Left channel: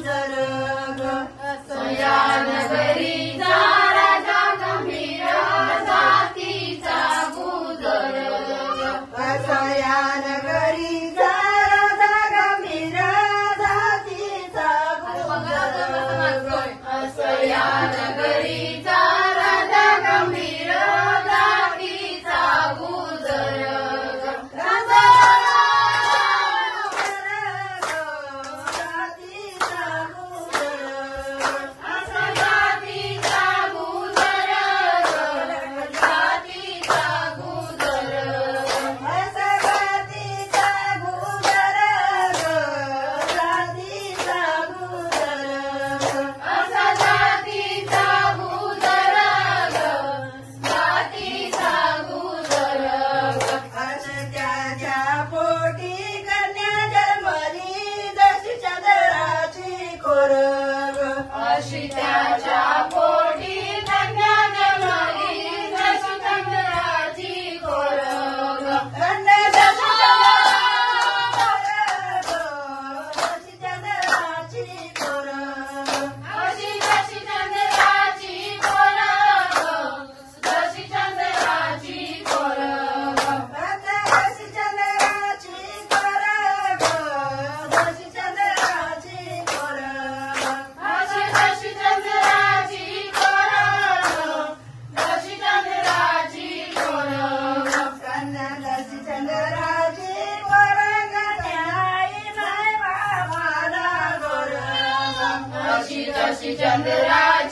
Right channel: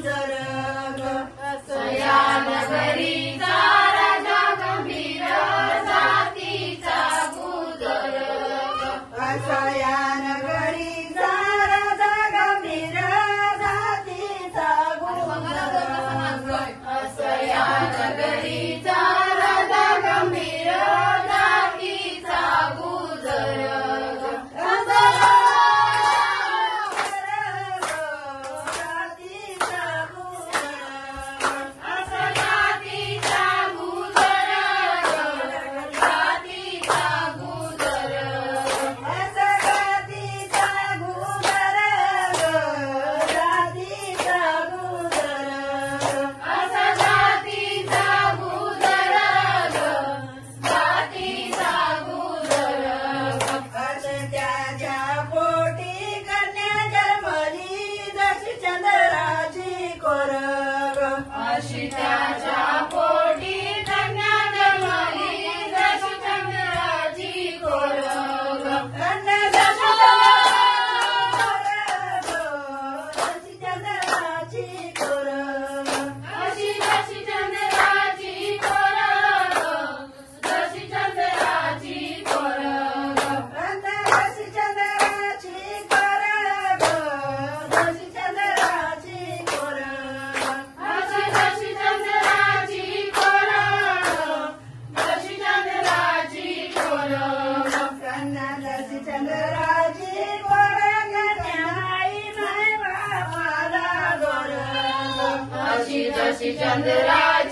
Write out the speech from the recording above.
गुजर ग या नगरीचा राजा गंभीर जातीचा गुजर या नगरीचा राजा गंभीर जातीचा गुजर या नगरीचा राजा गंभीर जातीचा गुजर त्याच्या पोटी कन्या जन्मली जशी चंद्राची कोर जशी चंद्राची कोर जशी चंद्राची कोर जशी चंद्राची कोर जशी चंद्राची कोर जशी चंद्राची कोर जशी चंद्राची कोर जशी चंद्राची कोर जशी चंद्राची कोर न्यायी माय मामाला गोर जशी चंद्राची